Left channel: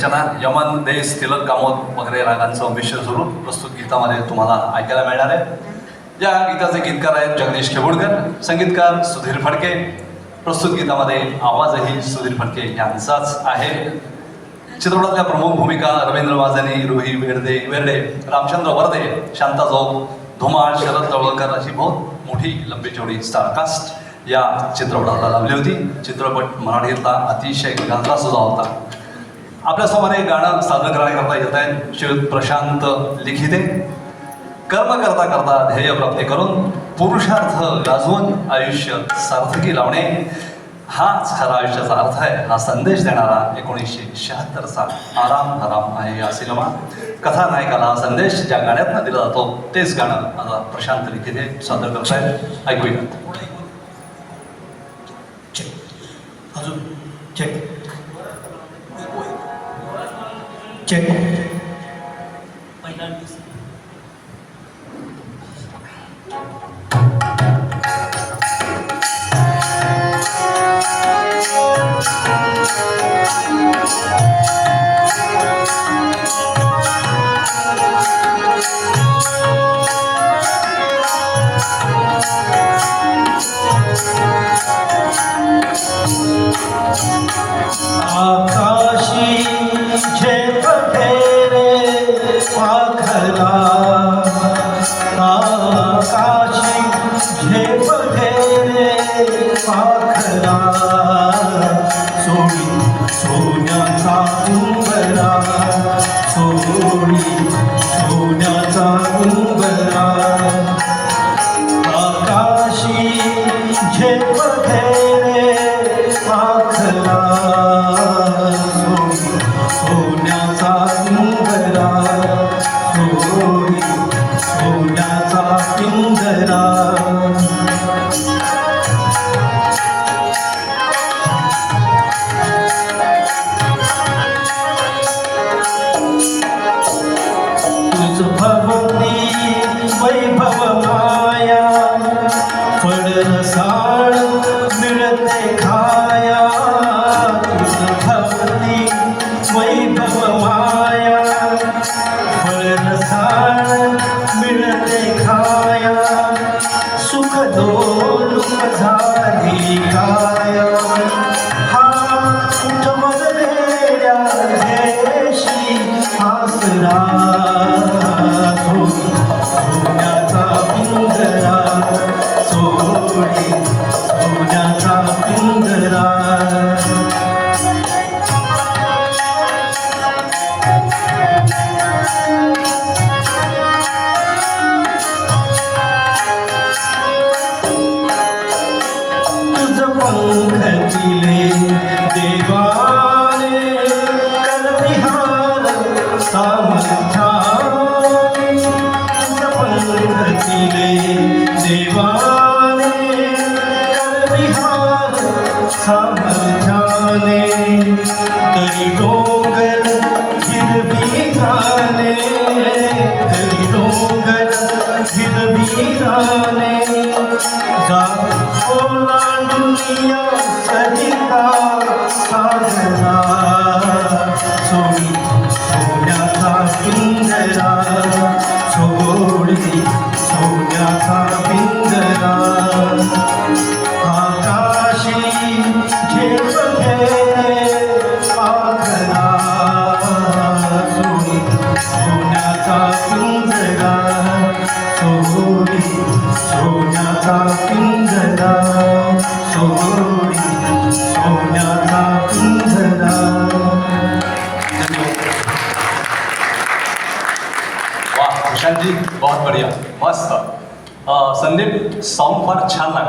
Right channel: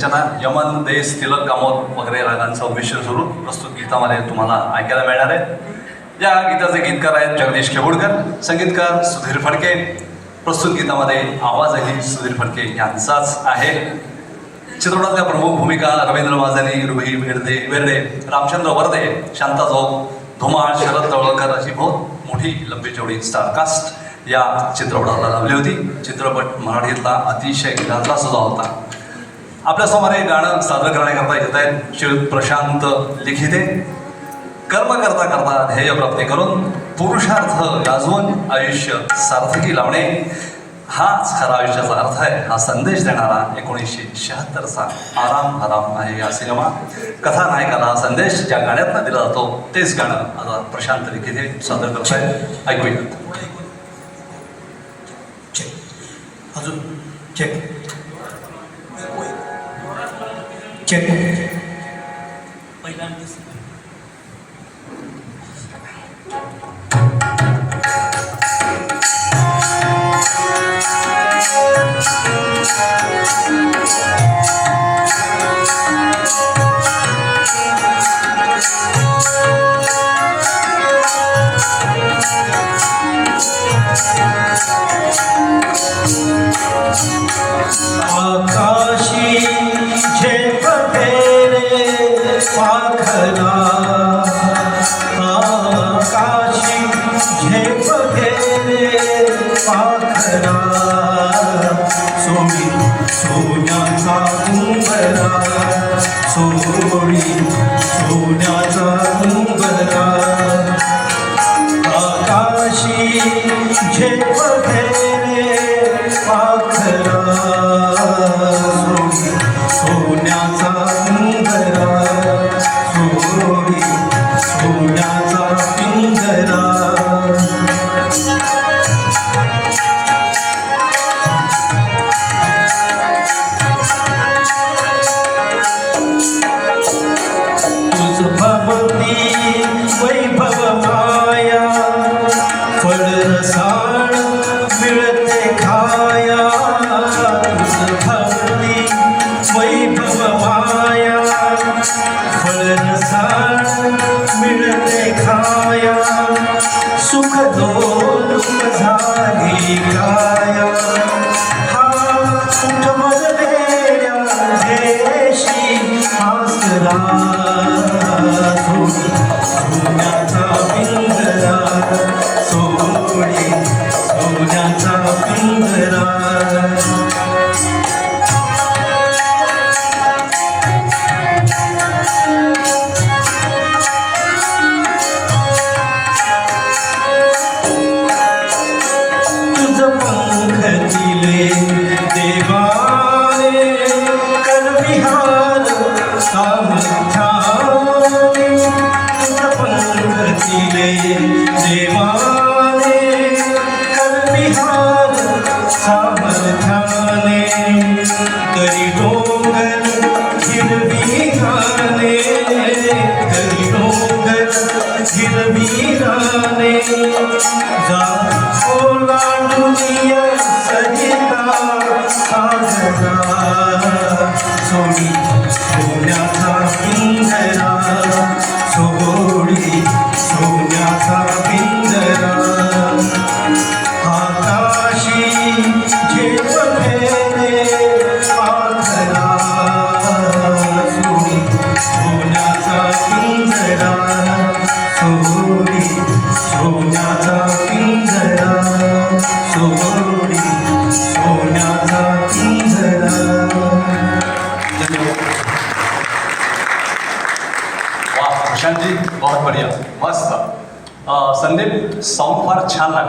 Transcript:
चला यमन देश तिलक कामोद वगैरे रागांचं विषय सुरू प्रस्तुत गीतामध्ये तुम्हाला ऐकायला मिळणार आहे. या गीताचे गीतकार आहेत जगदीश खेवडकर, संगीतकार सुधीर फडके. प्रस्तुत गीतामध्ये आवाजही सुधीर फडके यांचाच आहे. चित्रपटातल्या प्रमुख भूमिका रवींद्र वाजनी, रुही वेर्डे, रामचंद्र वर्दे, शांता जोग, धुमाळ, शरद तळवलकर अशी बहुत मोठी लंबी जोडी स्टारकास्ट या चित्रपटाला लाभली होती. चित्रपट मराठीतला अतिशय गाजला सुद्धा होता. आपल्यासमोर हे गाणं सादर करण्याकरता येत आहेत श्रीयुत प्रशांत लिखिते. कर्म करता करता ध्येय प्राप्ती करून पुरुषार्थ गाजवून आयुष्य सार्थकी लावणे हाच खरा आयुष्याचा अर्थ आहे, हा संदेश देणारा 1976चा आराम हराम आहे या सिनेमा. कथानायकाला हा संदेश ज्या गाण्यातनं दिला जातो तेच गाणं आता प्रशांत लिखिते सादर करत आहेत. ऐकूयात. अजून चेक चेक पहिल्यांदा आकाशी झेप फेरे पाखरा, आकाशी झेप फेरे पाखरा, सोडी सोन्याचा उंबरा, सोडी सोन्याचा उंबरा, आकाशी झेप फेरे पाखरा, सोन्याचा पिंजरा, सोडी सोन्याचा पिंजरा. तुझ भवती वैभव माया, फळ रसाळ मिळते खाया. तुझ भवती वैभव माया, फळ रसाळ मिळते खाया. सुख दोष झाली काया, हा उठवल वेड्या देशी आसरा. सोन्याचा पिंजरा, सोडी सोन्याचा पिंजरा. पंखतिले देवाने करविहार सामर्थ्याने, पंखतिले देवाने करविहार सामर्थ्याने. करी डोंगर हिरवी राने, करी डोंगर हिरवी राने. जा ओलांडूनिया सजिता साजरा, सोडी सोन्याचा पिंजरा, सोडी सोन्याचा पिंजरा. आकाशी झेप फेरे पाखरा, सोडी सोन्याचा पिंजरा, सोडी सोन्याचा पिंजरा, सोडी सोन्याचा पिंजरा. वाह प्रशांतजी, बहुत बढिया, मस्त. संदीप, साऊंड फार छान लागला.